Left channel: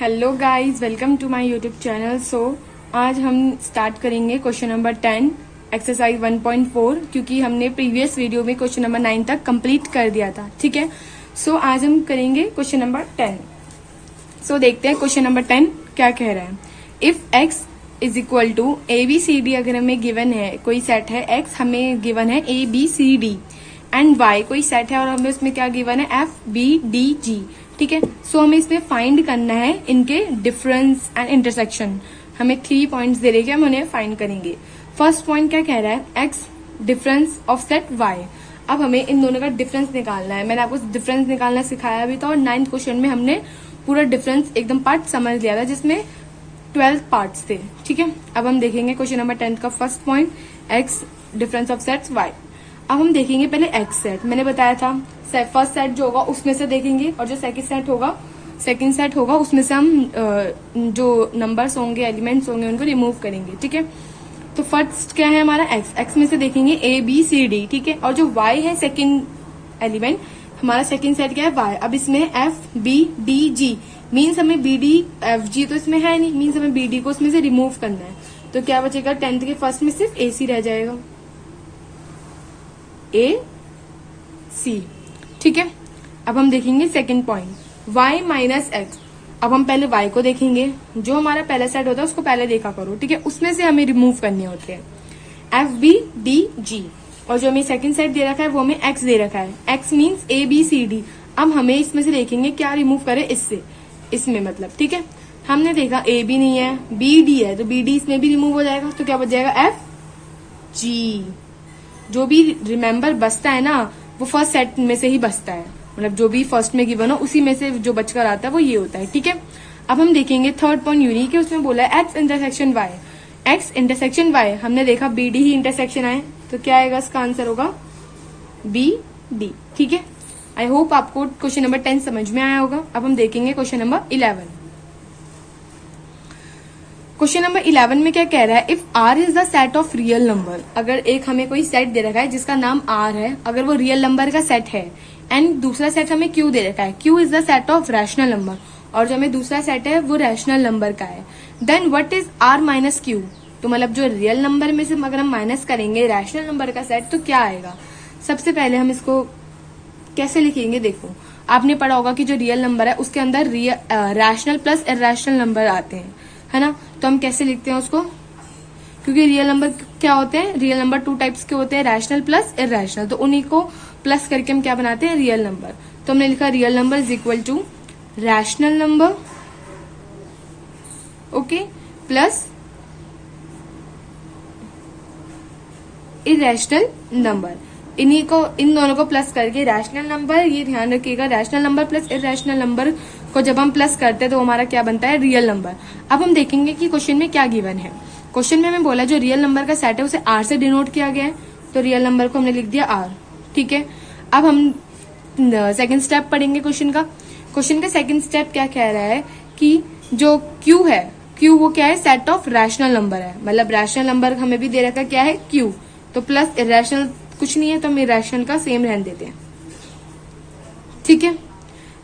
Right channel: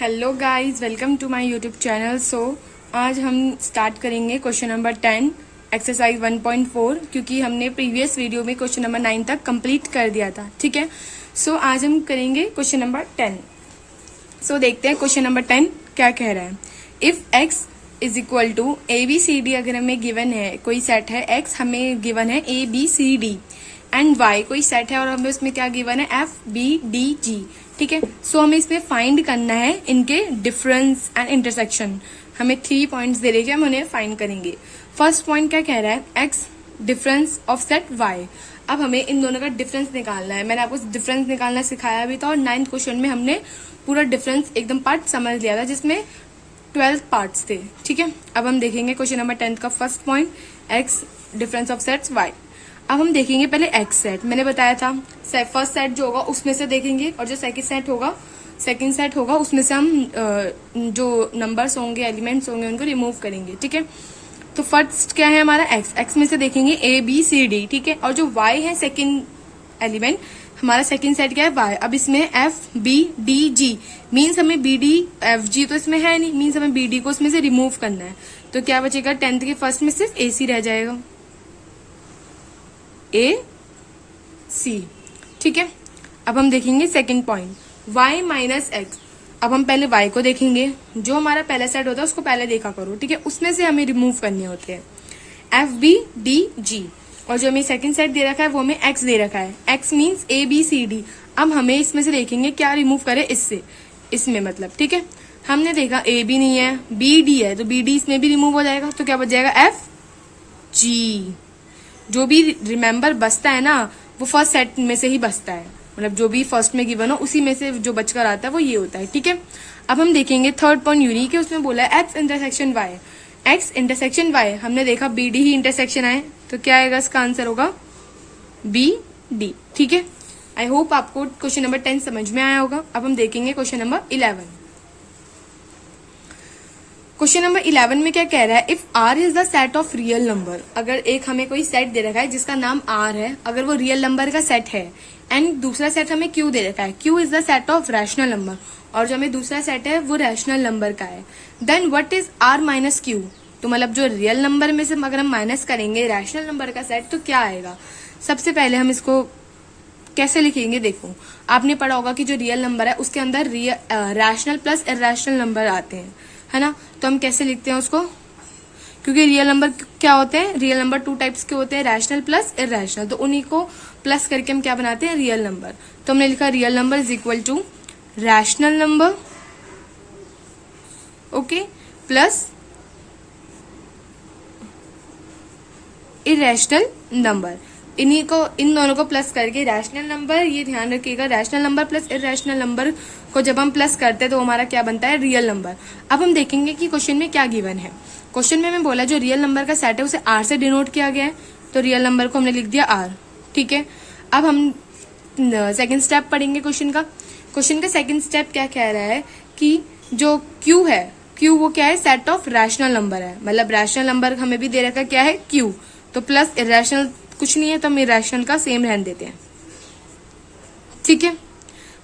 Hello guys, welcome to my YouTube channel. So आज हम start करेंगे क्वेश्चन नंबर 10 एक्सरसाइज 1.4, क्योंकि हमने प्रीवियस वीडियो में क्वेश्चन नंबर 9 तक कंप्लीट कर दिया था। ठीक है, सो आज हम करेंगे क्वेश्चन नंबर 10। सो देखते हैं क्वेश्चन नंबर 10 क्या कह रहा है। If x is equal to ABCD, अगर हमें गिवन है कोई सेट है, x हमें गिवन है ABCD एंड y कोई सेट है और हमें उसमें क्या गिवन है FBDG। ठीक है, सो हमें इसमें फाइंड करना है इनके डिफरेंस एंड इंटरसेक्शन। हमें 3 पॉइंट्स दे रहे, हम उन्हें फाइंड करेंगे। फर्स्ट पॉइंट क्या कह रहा है, x difference of set y। अब हमें इन दोनों का डिफरेंस निकालना है। मैंने आपको डिफरेंस निकालना सिखाया भी था और 9th क्वेश्चन में हमने पूरा डिफरेंस एकदम पार्ट समझ लिया था, जिसमें 12 पार्ट्स थे। ठीक है, अब हम देखेंगे क्वेश्चन नंबर 10 का first point, x difference of sets y। अब हम देखेंगे पहले x सेट। मैंने बताया था फर्स्ट सेट जो होगा उसमें से देखेंगे, और जो सेकंड सेट होगा उसमें से हम जो नंबर्स होंगे, एलिमेंट्स होंगे, उनको रिमूव करेंगे। ठीक है, तो फर्स्ट क्या है हमारा x में से देखेंगे ABCD। ठीक है, और जो y है सेकंड एलिमेंट, हमारा सेकंड सेट क्या है y। अब इसमें FBDG मीन्स हमें BDFG तो इसमें है नहीं, मीन्स हमें BD को इसमें से रिमूव करना है। तो क्या बचेगा, 10th के फर्स्ट में सिर्फ AC रह जाएगा, AC। ठीक है, अब हम देखेंगे second point, y minus x। अब हम पहले y को देखेंगे। जो हमारा पहला सेट होता है उसको पहले देखा करो। ठीक है, उसमें से हमें रिमूव करने होते हैं FBDG। और जो हमें सेकंड सेट दे रखा है वो हमें x दे रखा है, x मीन्स ABCD। अब हमें इसमें से देखेंगे क्या रिमूव करें इसमें मतलब। ठीक है, हमने देखा AB नहीं है, BD है, तो BD इसमें भी रिमूव हो जाएगा। तो क्या बच जाएगा FG। जो भी रिमेम्बर बचता है ना, वो फर्स्ट सेट में से ही बचता है, मतलब जो भी फर्स्ट में गिवन हो उसी में से जो बचकर आता है वो ये होता है। ठीक है, अब हम देखेंगे थर्ड पॉइंट यूनिक है, उसमें बोला है x intersection y। x intersection y हमने देखा BD ही इंटरसेक्शन है, तो क्या आएगा, इसका आंसर होगा BD। ठीक है, आई होप आपको क्वेश्चन नंबर 10 समझ में आया होगा। अब हम देखेंगे क्वेश्चन नंबर 11। क्वेश्चन नंबर 11 में क्या कह रहा है, if R is the set of real number. अगर एक हमें कोई सेट दे रखा है जिसका नाम R है, अगर वो रियल नंबर का सेट है, एंड दूसरा सेट हमें Q दे रखा है, Q is the set of rational number, और जो हमें दूसरा सेट है वो रैशनल नंबर का है, then what is R minus Q। तो मतलब जो रियल नंबर में से अगर हम माइनस करेंगे रैशनल नंबर का सेट, तो क्या आएगा। सबसे पहले हम इसको कैसे लिखेंगे, देखो आपने पढ़ा होगा कि जो रियल नंबर है उसके अंदर रैशनल प्लस इरैशनल नंबर आते हैं, है ना। तो हम कैसे लिखते हैं उसको, क्योंकि रियल नंबर क्या होते हैं, रियल नंबर 2 टाइप्स के होते हैं, रैशनल प्लस इरैशनल। तो उन्हीं को प्लस करके हम क्या बनाते हैं, रियल नंबर। तो हमने लिखा real number is equal to rational number, okay, plus irrational number. इन दोनों को प्लस करके रैशनल नंबर, ये ध्यान रखिएगा, rational number plus irrational number को जब हम प्लस करते हैं तो हमारा क्या बनता है, रियल नंबर। अब हम देखेंगे कि क्वेश्चन में क्या गिवन है। क्वेश्चन में हमें बोला जो रियल नंबर का सेट है उसे R से डिनोट किया गया है, तो रियल नंबर को हमने लिख दिया R। ठीक है, अब हम सेकंड स्टेप पढ़ेंगे क्वेश्चन का। क्वेश्चन का सेकंड स्टेप क्या कह रहा है कि जो Q है, Q वो क्या है, सेट ऑफ रैशनल नंबर है, मतलब रैशनल नंबर हमें भी दे रखा क्या है, Q। तो प्लस इरैशनल कुछ नहीं है, तो हम इरैशनल का सेम रहने देते हैं। ठीक है,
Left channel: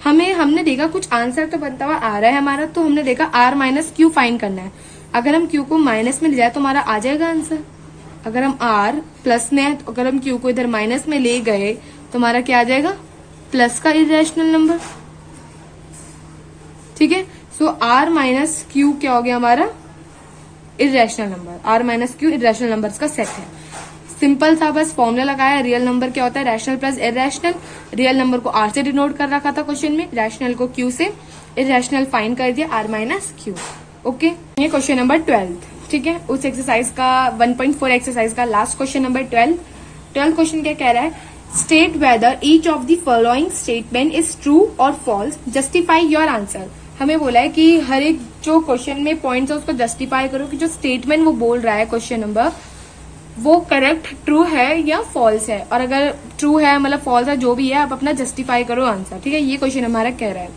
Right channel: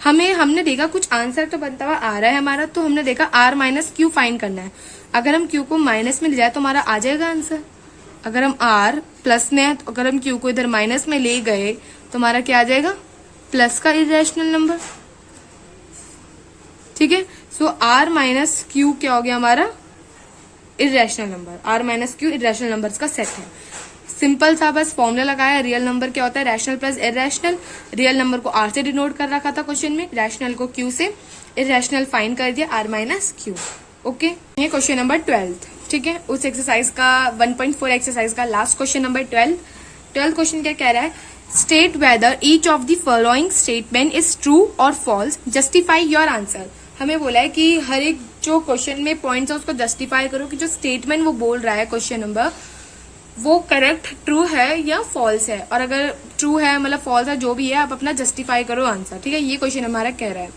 हमने देखा कुछ आंसर तो बनता हुआ आ रहा है हमारा, तो हमने देखा R माइनस Q फाइंड करना है। अगर हम Q को माइनस में ले जाए तो हमारा आ जाएगा आंसर। अगर हम R प्लस में है, तो अगर हम Q को इधर माइनस में ले गए तो हमारा क्या आ जाएगा, प्लस का इरैशनल नंबर। ठीक है, सो R माइनस Q क्या हो गया, हमारा irrational number. R minus Q irrational numbers का सेट है। सिंपल सा बस फॉर्मूला लगाया, रियल नंबर क्या होता है, rational plus irrational. Real number को R से डिनोट कर रखा था क्वेश्चन में, रैशनल को Q से, इरैशनल फाइंड कर दिया R माइनस Q। ओके, ये क्वेश्चन नंबर 12। ठीक है, उस एक्सरसाइज का 1.4 एक्सरसाइज का लास्ट क्वेश्चन नंबर 12 क्वेश्चन क्या कह रहा है, state whether each of the following statement is true और फॉल्स, जस्टिफाई योर आंसर। हमें बोला है कि हर एक जो क्वेश्चन में पॉइंट्स है उसको जस्टिफाई करो कि जो स्टेटमेंट वो बोल रहा है क्वेश्चन नंबर, वो करेक्ट ट्रू है या फॉल्स है, और अगर ट्रू है मतलब फॉल्स है, जो भी है आप अपना जस्टिफाई करो आंसर। ठीक है, ये क्वेश्चन हमारा कह रहा है।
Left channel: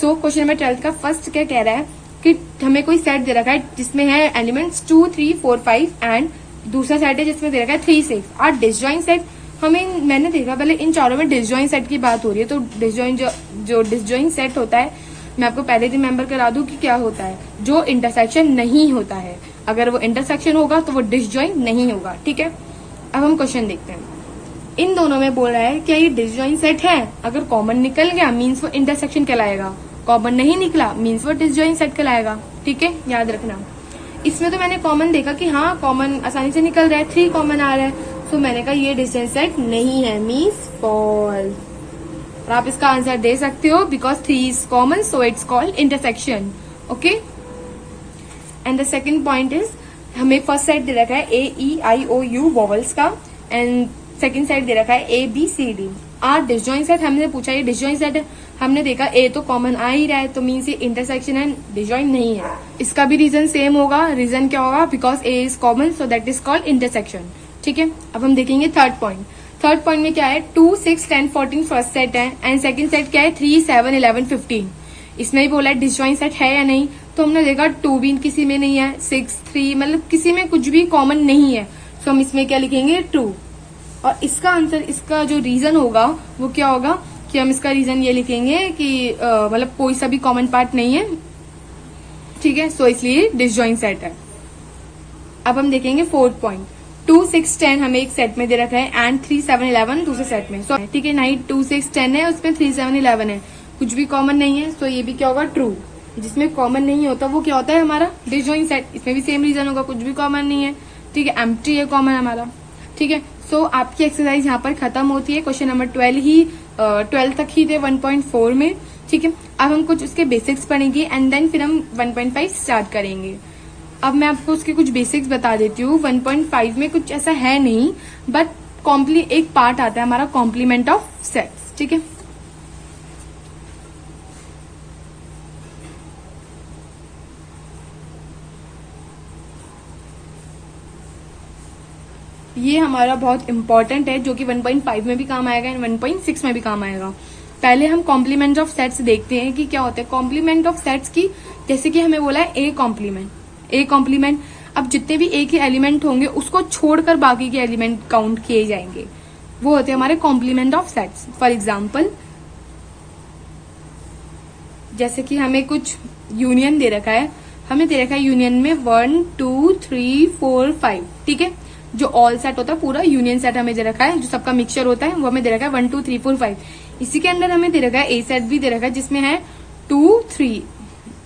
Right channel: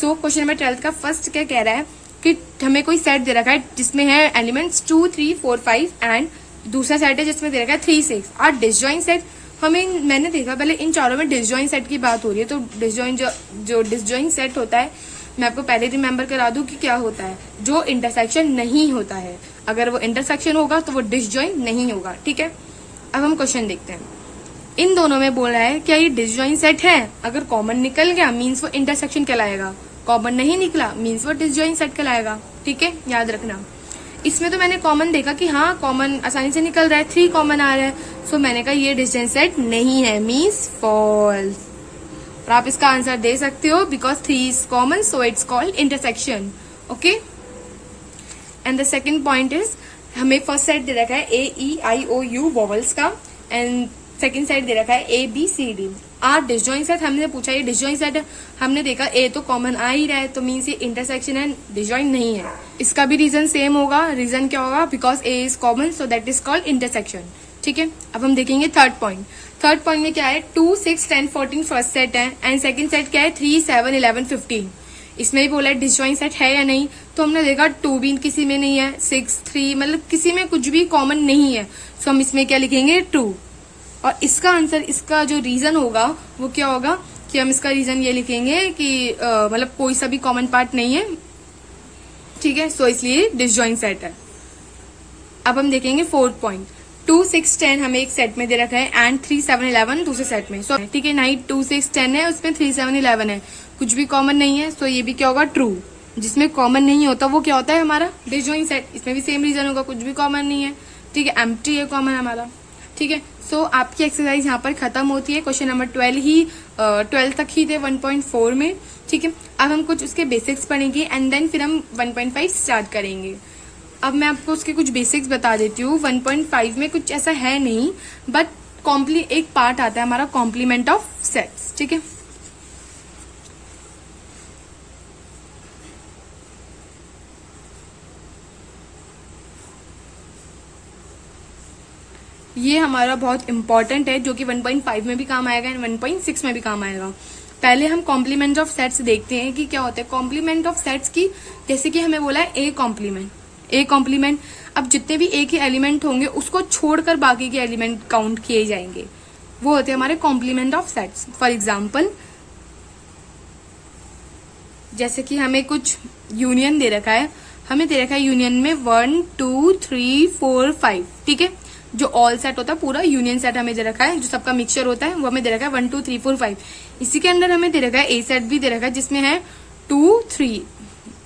सो क्वेश्चन नंबर 12 का फर्स्ट क्या कह रहा है कि हमें कोई सेट दे रखा है जिसमें है एलिमेंट्स 2, 3, 4, 5 एंड दूसरा सेट है जिसमें दे रखा है 3, 6 और डिसजॉइंट सेट। मैंने देखा पहले इन चारों में डिसजॉइंट सेट की बात हो रही है, तो डिसजॉइंट जो डिसजॉइंट सेट होता है मैं आपको पहले रिमेम्बर करा दूं कि क्या होता है, जो इंटरसेक्शन नहीं होता है, अगर वो इंटरसेक्शन होगा तो वो डिसजॉइंट नहीं होगा। ठीक है, अब हम क्वेश्चन देखते हैं। इन दोनों में बोला है क्या ये डिसजॉइंट सेट है, अगर कॉमन निकल गया मीन्स वो इंटरसेक्शन कहलाएगा, कॉमन नहीं निकला मीन्स वो डिसजॉइंट सेट कहलाएगा। ठीक है, याद रखना। इसमें तो मैंने कॉमन देखा कि हाँ कॉमन आसानी से निकल रहा है, 3 कॉमन आ रहे हैं, सो मैंने कहा ये डिसजॉइंट सेट नहीं है, मीन्स फॉल्स। और आप इसका आंसर दे सकते हो because 3 is common so it's called intersection. Okay, and the second point is हमें फर्स्ट सेट दे रखा है AEIOU वॉवल्स का एंड सेकेंड सेट दे रखा है ABCD। डिसजॉइंट सेट हमने पूछा ये डिसजॉइंट सेट है, हमने देखा ए तो कॉमन आ ही रहा है तो मीन्स ये इंटरसेक्शन है, डिसजॉइंट नहीं है। इसका भी रीजन सेम होगा, रीजन क्या होगा, because A is common so that is called intersection. ठीक है, अब हम देखेंगे थर्ड पॉइंट। थर्ड पॉइंट में क्या है, 2, 6, 10, 14 फर्स्ट सेट है एंड सेकंड सेट क्या है 3, 7, 11, 15। इसमें ही बोला है डिसजॉइंट सेट है या नहीं, तो हमने देखा 2 भी किसी में नहीं है, 6, 3 मतलब किसी में कुछ भी कॉमन नहीं है, सो हम इसमें क्या लिखेंगे 2। और इसका आंसर, इसका जो रीजन होगा वो क्या होगा कि हम इसका रीजन ये लिखेंगे कि मतलब कोई सा भी कॉमन पार्ट नहीं है। ठीक है, सो इसलिए डिसजॉइंट सेट है। अब हम देखेंगे फोर्थ पॉइंट। 2, 6, 10 हमें एक सेट में दे रखा है एंड 3, 7, 11 दूसरे सेट में। सो ठीक है, नहीं 2, 6, 10 है, उसमें 3, 7, 11 है, कुछ भी कॉमन नहीं है, सो ये भी क्या होगा ट्रू। जिसमें कॉमन नहीं होता वो क्या होता है हमारा डिसजॉइंट सेट। इसमें भी सेम रीजन होगा, कुछ भी कॉमन नहीं है। ठीक है, एम्प्टी है कॉमन हमारा। ठीक है, सो आपकी एक्सरसाइज यहाँ पर खत्म होती है। क्वेश्चन नंबर 12 तक ही थे 1.4 में। ठीक है, अब हम कुछ उसके बेसिक्स पढ़ेंगे एंड देन फिर हम 1.5 स्टार्ट करेंगे। अब मैं आपको उसके कुछ बेसिक्स बता देती हूँ। 1.5 में कुछ ऐसा है नहीं, बट एक पार्ट आता है हमारा कॉम्प्लीमेंट ऑफ सेट्स। ठीक है, ये हमारा बहुत इंपॉर्टेंट है जो कि 1.5 में भी काम आएगा एंड 1.6 में भी काम आएगा। पहले हम कॉम्प्लीमेंट ऑफ सेट्स देखते हैं कि क्या होता है कॉम्प्लीमेंट ऑफ सेट्स की। जैसे कि हमें बोला है ए कॉम्प्लीमेंट, अब जितने भी ए के एलिमेंट होंगे उसको छोड़कर बाकी के एलिमेंट काउंट किए जाएंगे, वो होते हैं हमारे complement of sets. For example जैसे कि हमें कुछ यूनियन दे रखा है, हमें दे रखा है यूनियन में 1, 2, 3, 4, 5। ठीक है, जो ऑल सेट होता है पूरा यूनियन सेट हमें दे रखा है, जो सबका मिक्सचर होता है वो हमें दे रखा है 1, 2, 3, 4, 5। इसी के अंदर हमें दे रखा है ए सेट भी दे रखा है जिसमें है 2, 3।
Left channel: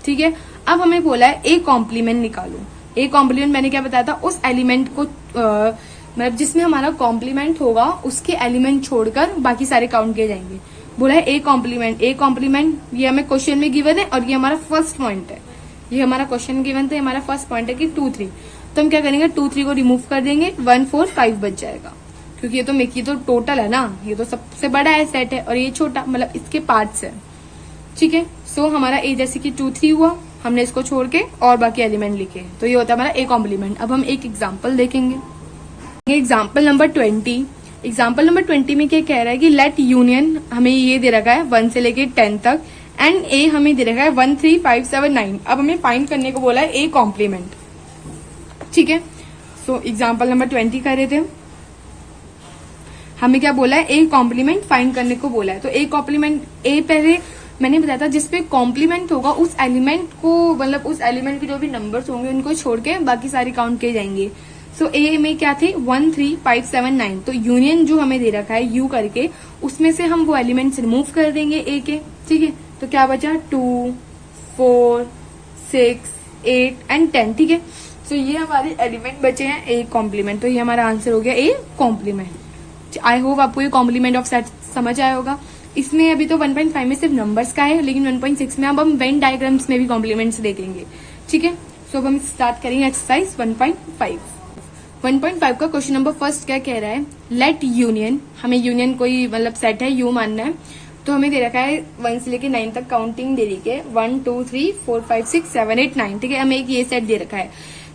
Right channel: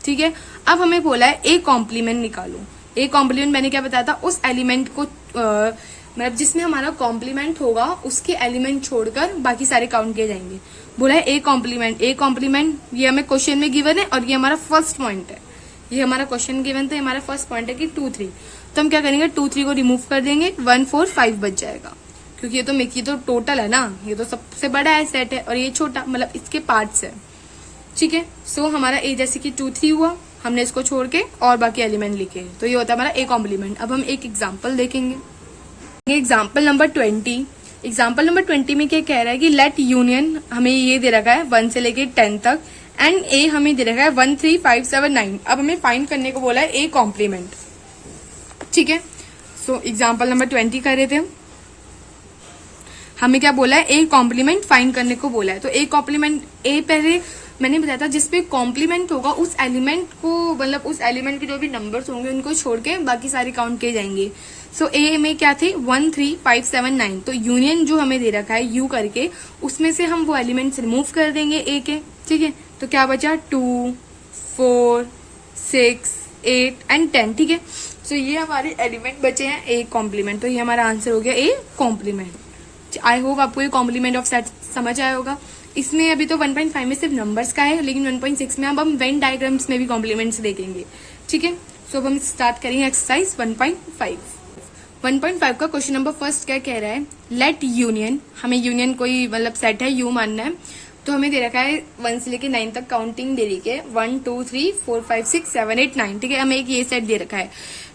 ठीक है, अब हमें बोला है ए कॉम्प्लीमेंट निकालो। ए कॉम्प्लीमेंट मैंने क्या बताया था, उस एलिमेंट को मतलब जिसमें हमारा कॉम्प्लीमेंट होगा उसके एलिमेंट छोड़कर बाकी सारे काउंट किए जाएंगे। बोला है ए कॉम्प्लीमेंट ये हमें क्वेश्चन में गिवन है और ये हमारा फर्स्ट पॉइंट है। ये हमारा क्वेश्चन गिवन तो हमारा फर्स्ट पॉइंट है कि 2, 3। तो हम क्या करेंगे 2, 3 को रिमूव कर देंगे, 1, 4, 5 बच जाएगा, क्योंकि ये तो टोटल है ना, ये तो सबसे बड़ा है सेट है और ये छोटा मतलब इसके पार्ट्स है। ठीक है, सो हमारा ए जैसे कि 2, 3 हुआ, हमने इसको छोड़ के और बाकी एलिमेंट लिखे, तो ये होता है हमारा ए कॉम्प्लीमेंट। अब हम एक एग्जाम्पल देखेंगे, एग्जाम्पल नंबर 20। एग्जाम्पल नंबर 20 में क्या कह रहा है कि लेट यूनियन, हमें ये दे रखा है 1 से लेके 10 तक एंड ए हमें दे रखा है 1, 3, 5, 7, 9। अब हमें फाइंड करने को बोला है ए कॉम्प्लीमेंट। ठीक है, सो एग्जाम्पल नंबर 20 कर रहे थे, हमें क्या बोला है ए कॉम्प्लीमेंट फाइंड करने को बोला है। तो ए कॉम्प्लीमेंट, ए पहले मैंने बताया था जिसपे कॉम्प्लीमेंट होगा उस एलिमेंट को, मतलब उस एलिमेंट के जो भी नंबर्स होंगे उनको छोड़ के बाकी सारे काउंट किए जाएंगे। सो ए में क्या थी 1, 3, 5, 7, 9। तो यूनियन जो हमें दे रखा है यू करके, उसमें से हम वो एलिमेंट्स रिमूव कर देंगे ए के। ठीक है, तो क्या बचा 2, 4, 6, 8 एंड 10। ठीक है, सो ये हमारे एलिमेंट बचे हैं ए कॉम्प्लीमेंट, तो ये हमारा आंसर हो गया ए कॉम्प्लीमेंट। आई होप आपको ये कॉम्प्लीमेंट ऑफ सेट समझ आया होगा। इसमें अभी तो 1.5 में सिर्फ नंबर्स का है, लेकिन 1.6 में अब हम वेन डायग्राम्स में भी कॉम्प्लीमेंट्स देखेंगे। ठीक है, सो अब हम स्टार्ट करेंगे एक्सरसाइज 1.5। 1.5 का क्वेश्चन नंबर फर्स्ट क्या कह रहा है, लेट यूनियन, हमें यूनियन कोई मतलब सेट है यू मानना है, तो हमें दे रखा है 1 से लेके 9 तक काउंटिंग दे रही है 1, 2, 3, 4, 5, 6, 7, 8, 9। ठीक है, हमें एक ये सेट दे रखा है।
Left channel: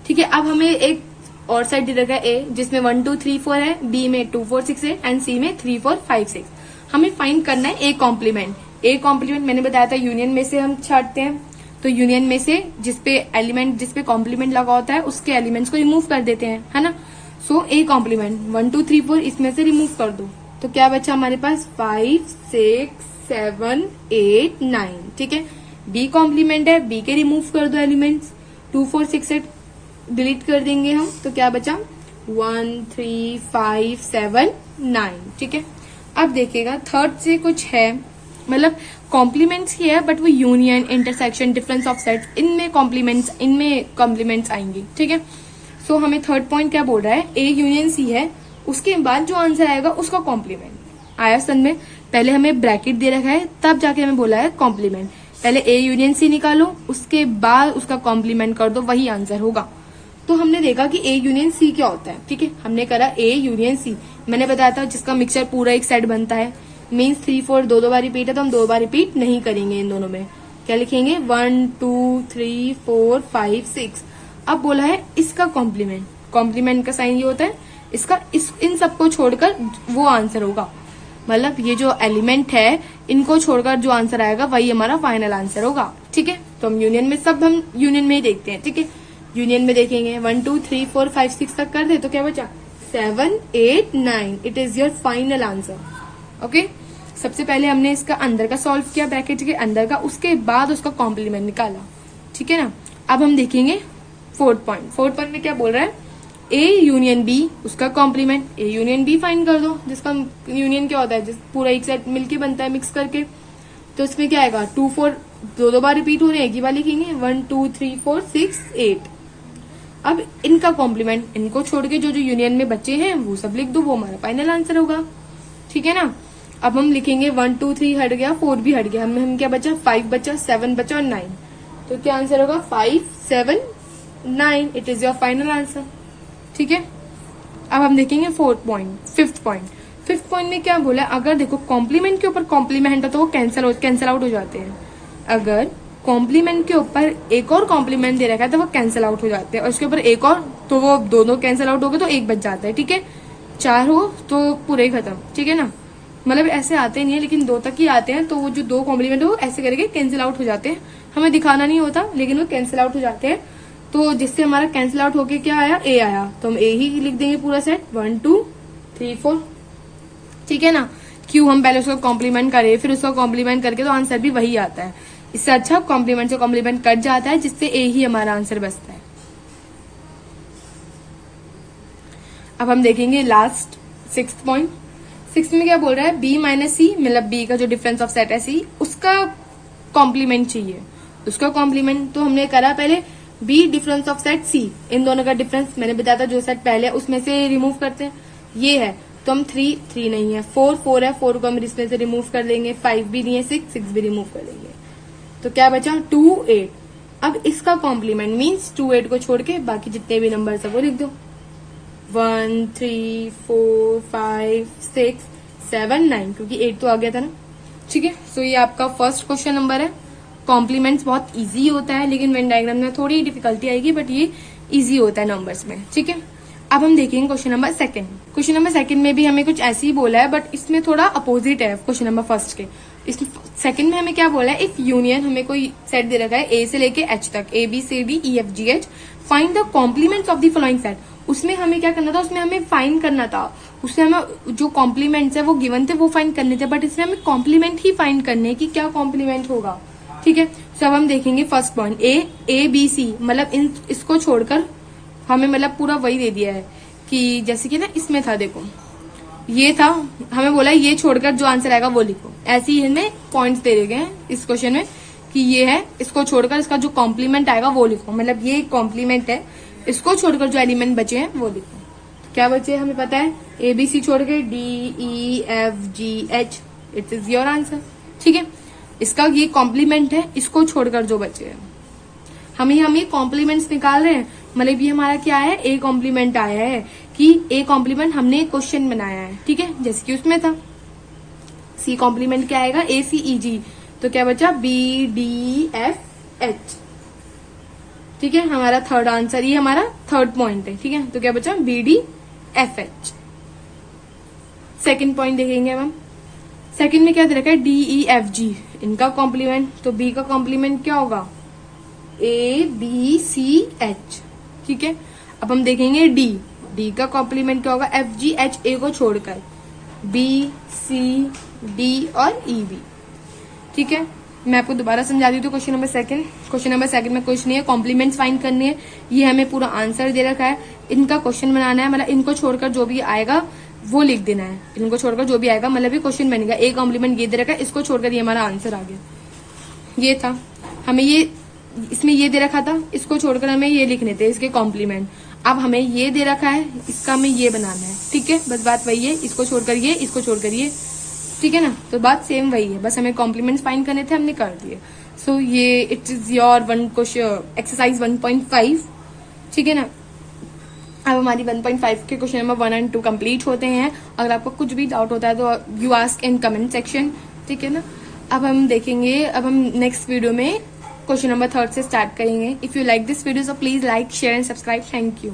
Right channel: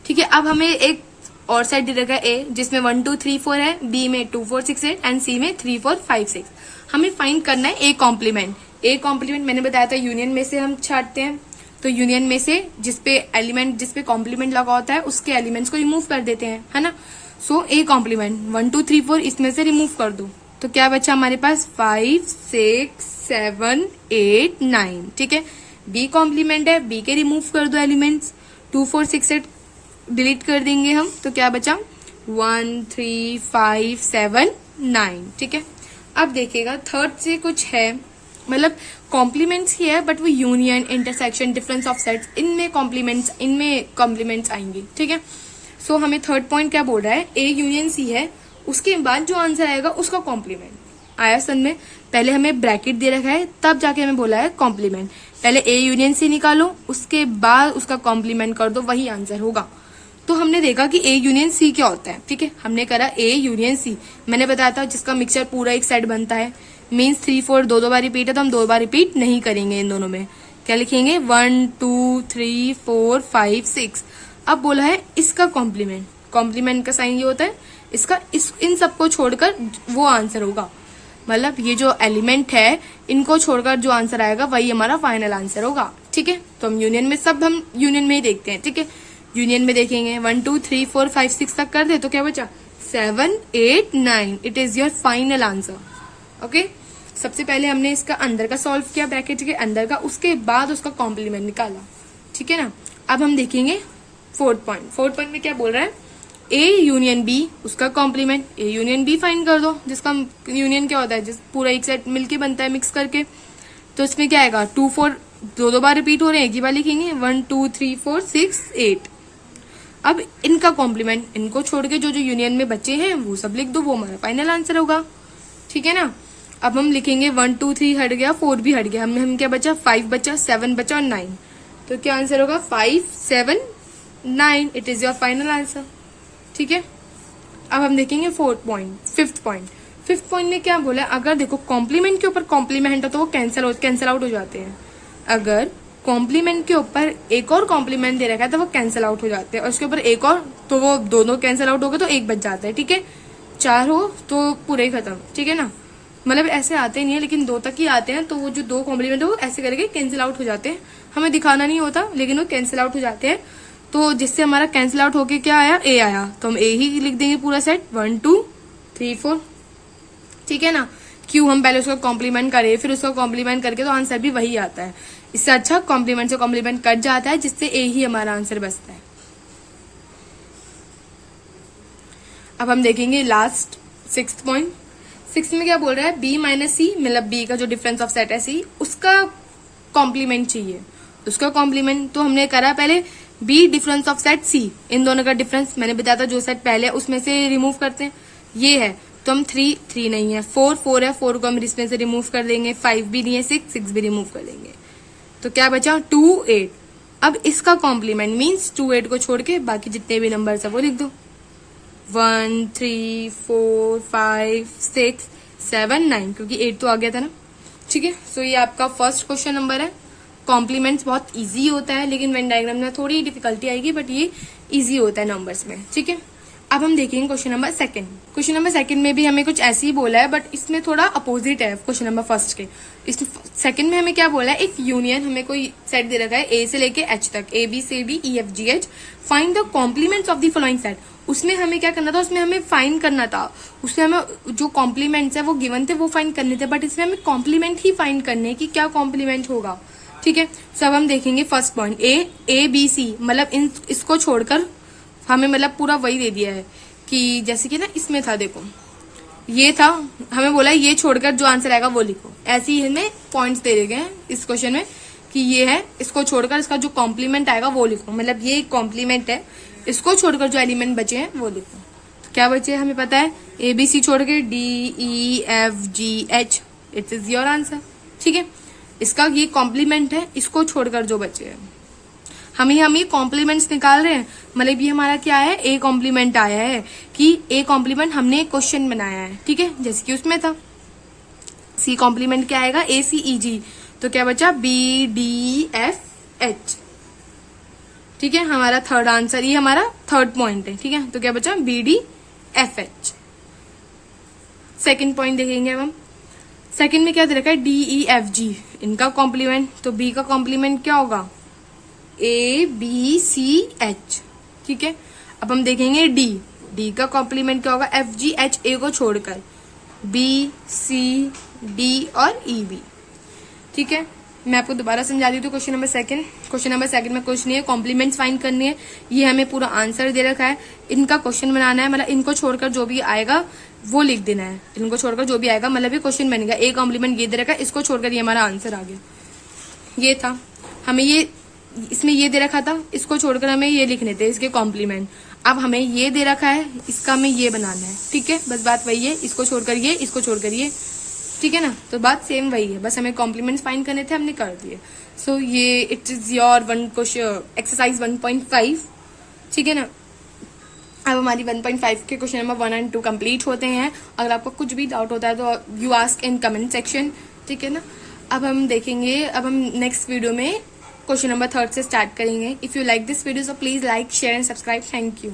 ठीक है, अब हमें एक और सेट दे रखा है ए जिसमें 1, 2, 3, 4 है, बी में 2, 4, 6, 8 एंड सी में 3, 4, 5, 6। हमें फाइंड करना है ए कॉम्प्लीमेंट। ए कॉम्प्लीमेंट मैंने बताया था यूनियन में से हम छाटते हैं, तो यूनियन में से जिसपे कॉम्प्लीमेंट लगा होता है उसके एलिमेंट्स को रिमूव कर देते हैं, है ना। सो ए कॉम्प्लीमेंट 1, 2, 3, 4 इसमें से रिमूव कर दो, तो क्या बचा हमारे पास 5, 6, 7, 8, 9। ठीक है, बी कॉम्प्लीमेंट है, बी के रिमूव कर दो एलिमेंट्स, 2 4 6 8 डिलीट कर देंगे हम, तो क्या बचा 1 3 5 7 9। ठीक है, अब देखिएगा थर्ड से कुछ है, मतलब कॉम्प्लीमेंट्स ही है बट वो union, intersection, difference of sets, इनमें कॉम्प्लीमेंट्स आएंगे। ठीक है, सो हमें थर्ड पॉइंट क्या बोल रहा है, ए यूनियन सी है, उसके बाद जो आंसर आएगा उसका कॉम्प्लीमेंट आया। सन में पहले हमें ब्रैकेट दे रखा है, तब जाके हमें बोला है कॉम्प्लीमेंट। पहले ए यूनियन सी निकालो, उसके बाद उसका कॉम्प्लीमेंट कर दो, वही आंसर होगा। तो हमने देखा कि ए यूनियन सी क्या होता है। ठीक है, हमने करा ए यूनियन सी, मैंने बताया था जिसका मिक्सचर पूरा एक सेट बनता है, मीन्स 3 4 दो बार रिपीट है, तो हम 2 बार रिपीट नहीं करेंगे। इन दोनों में क्या लिखेंगे 1 2 3 4 5 6। अब बोला है इसका कॉम्प्लीमेंट, कॉम्प्लीमेंट का साइन ये होता है इसका, इन सबको छोड़कर वो आंसर होगा, मतलब ये जो एलिमेंट है इनको छोड़कर जो आंसर आएगा वही हमारा फाइनल आंसर होगा। ठीक है, तो हम यूनियन में ही देखते हैं। ठीक है, यूनियन में देखेंगे 1 2 3 4 5 6 तक कर दे तो क्या बचा 7 8 9, it is your final answer. Okay, सबसे पहले हमने इसका अंदर का सॉल्व किया, ब्रैकेट के अंदर का, उसके बाद उसका कॉम्प्लीमेंट निकाला। ठीक है ना, अब हम देखेंगे फोर्थ पॉइंट में क्या बोल रहा है, ए यूनियन बी, उसका complement, A union B find कर दो, जिसका यूनियन क्या होता है, जिस पूरा एक सेट मिलके बनता है मिक्स करके। तो इसमें क्या आएगा 2 4 दो बार रिपीट हो रहे हैं, एक ही बार लिखेंगे 1 2 3 4 6 8। अब इनका कॉम्प्लीमेंट, इनको छोड़ के जो यूनियन में बचे हैं वो सब लिख दो, वो हमारा फाइनल आंसर होगा। ठीक है ना, अब हम लिखेंगे 1 2 3 हट गया, 4 भी हट गया, हम क्या बचा 5 बचा, 7 बचा और 9, तो क्या आंसर होगा 5 7 9, it is your final answer. ठीक है, अब हम देखेंगे फिफ्थ पॉइंट में क्या बोला, अगर देखो कॉम्प्लीमेंट के ऊपर कॉम्प्लीमेंट है तो वो कैंसिल आउट हो जाते हैं। अगर कॉम्प्लीमेंट के ऊपर एक और कॉम्प्लीमेंट दे रखा है तो वो कैंसिल आउट हो जाते हैं, और उसके ऊपर एक और तो वो दोनों कैंसिल आउट हो गए तो एक बच जाता है। ठीक है, 4 हो तो पूरे ही खत्म। ठीक है ना, मतलब ऐसे आते नहीं है लेकिन 2 तक ही आते हैं, तो वो जो 2 कॉम्प्लीमेंट है वो ऐसे करके कैंसिल आउट हो जाते हैं, हमें दिखाना नहीं होता लेकिन वो कैंसिल आउट हो जाते हैं। तो जिससे हमारा कैंसिल आउट होके क्या आया, ए आया, तो हम ए ही लिख देंगे पूरा सेट 1 2 3 4। ठीक है ना, क्यों हम पहले उसका कॉम्प्लीमेंट करें फिर उसका कॉम्प्लीमेंट करके तो आंसर भी वही आता है, इससे अच्छा कॉम्प्लीमेंट से कॉम्प्लीमेंट कट जाता है, जिससे ए ही हमारा आंसर बचता है। अब हम देखेंगे लास्ट सिक्स्थ पॉइंट। सिक्स में क्या बोल रहा है, बी माइनस सी, मतलब बी का जो डिफरेंस ऑफ सेट है सी, उसका कॉम्प्लीमेंट चाहिए। उसका कॉम्प्लीमेंट तो हमने करा पहले, बी डिफरेंस ऑफ सेट सी, इन दोनों का डिफरेंस मैंने बताया था, जो सेट पहले है उसमें से रिमूव करते हैं, ये है तो हम 3 नहीं है, 4 है, 4 को हम इसमें से रिमूव कर देंगे, 5 भी नहीं है, 6 भी रिमूव कर देंगे, तो क्या बचा 2 8। अब इसका कॉम्प्लीमेंट मीन्स 2 8 को छोड़ के बाकी जितने भी नंबर है वो लिख दो, 1 3 4 5 6 7 9, क्योंकि 8 तो आ गया था ना। ठीक है, सो ये आपका फर्स्ट क्वेश्चन नंबर है। कॉम्प्लीमेंट्स बहुत इजी होता है लेकिन वेन डायग्राम में थोड़ी डिफिकल्टी आएगी, बट ये इजी होता है नंबर्स में। ठीक है, अब हम देखेंगे question number second. Question number second में भी हमें कुछ ऐसे ही बोला है, बट इसमें थोड़ा अपोजिट है क्वेश्चन नंबर फर्स्ट के। इस सेकंड में हमें क्या बोला है, एक यूनियन, हमें कोई सेट दे रखा है ए से लेके एच तक, A B C D E F G H, find the complements of the following set. उसमें हमें क्या करना था, उसमें हमें फाइंड करना था, उसमें हमें जो कॉम्प्लीमेंट्स है वो गिवन थे वो फाइंड करने थे, बट इसमें हमें कॉम्प्लीमेंट ही फाइंड करने की क्या कॉम्प्लीमेंट होगा। ठीक है, सब हम देखेंगे first point, A B C, मतलब इसको छोड़कर हमें मतलब पूरा वही दे दिया है कि जैसे कि ना इसमें था, देखो ये था, हमें बोला ये छोड़कर जो आंसर आएगा वो लिखो, ऐसे ही हमें पॉइंट्स दे गए हैं इस क्वेश्चन में कि ये है, इसको छोड़कर इसका जो कॉम्प्लीमेंट आएगा वो लिखो, मतलब ये कॉम्प्लीमेंट है, इसको छोड़कर जो एलिमेंट बचे हैं वो लिखो। क्या बचे हमें पता है, ए बी सी छोड़ के D E F G H, it is your answer. ठीक है, इसका ये कॉम्प्लीमेंट है, इसको छोड़कर जो बचे हैं हम ये कॉम्प्लीमेंट्स निकाल रहे हैं, मतलब ये हमारा क्या है, ए कॉम्प्लीमेंट आया है कि ए कॉम्प्लीमेंट हमने क्वेश्चन बनाया है। ठीक है, जैसे कि उसमें था सी कॉम्प्लीमेंट क्या आएगा, ए सी ई जी, तो क्या बचा बी डी एफ एच। ठीक है, हमारा थर्ड आंसर, ये हमारा थर्ड पॉइंट है। ठीक है, तो क्या बचा B D F H. Second point देखेंगे अब हम, सेकेंड में क्या दे रखा है, डी ई एफ जी, इनका कॉम्प्लीमेंट, तो बी का कॉम्प्लीमेंट क्या होगा, ए बी सी एच। ठीक है, अब हम देखेंगे डी का कॉम्प्लीमेंट क्या होगा, एफ जी एच, ए को छोड़कर बी सी डी और ई बी। ठीक है, मैं आपको दोबारा समझा देती हूँ। क्वेश्चन नंबर सेकंड में कुछ नहीं है, कॉम्प्लीमेंट्स फाइंड करनी है। ये हमें पूरा आंसर दे रखा है, इनका क्वेश्चन बनाना है, मतलब इनको छोड़कर जो भी आएगा वो लिख देना है। इनको छोड़कर जो भी आएगा मतलब ये क्वेश्चन बनेगा। एक कॉम्प्लीमेंट ये दे रखा है, इसको छोड़कर ये हमारा आंसर आ गया। ये था, हमें ये इसमें ये दे रखा था, इसको छोड़कर हमें ये लिखने थे इसके कॉम्प्लीमेंट। अब हमें ये दे रखा है, इसका हमें ये बनाना है। ठीक है, बस बात वही है, इसको छोड़कर ये, इसको छोड़कर ये। ठीक है ना, तो बात सेम वही है, बस हमें कॉम्प्लीमेंट फाइंड करने थे, हमने कर दिए। सो ये इट इज योर एक्सरसाइज 1.5। ठीक है ना, अब हमारी 1.5 के क्वेश्चन नंबर 1 और 2 कंप्लीट होते हैं। अगर आपको कुछ भी डाउट होता है तो you ask in comment section. ठीक है ना, अब हम देखेंगे, अब हम नेक्स्ट वीडियो में क्वेश्चन नंबर 3 से स्टार्ट करेंगे। If you like this video so please like, share and subscribe. Thank you.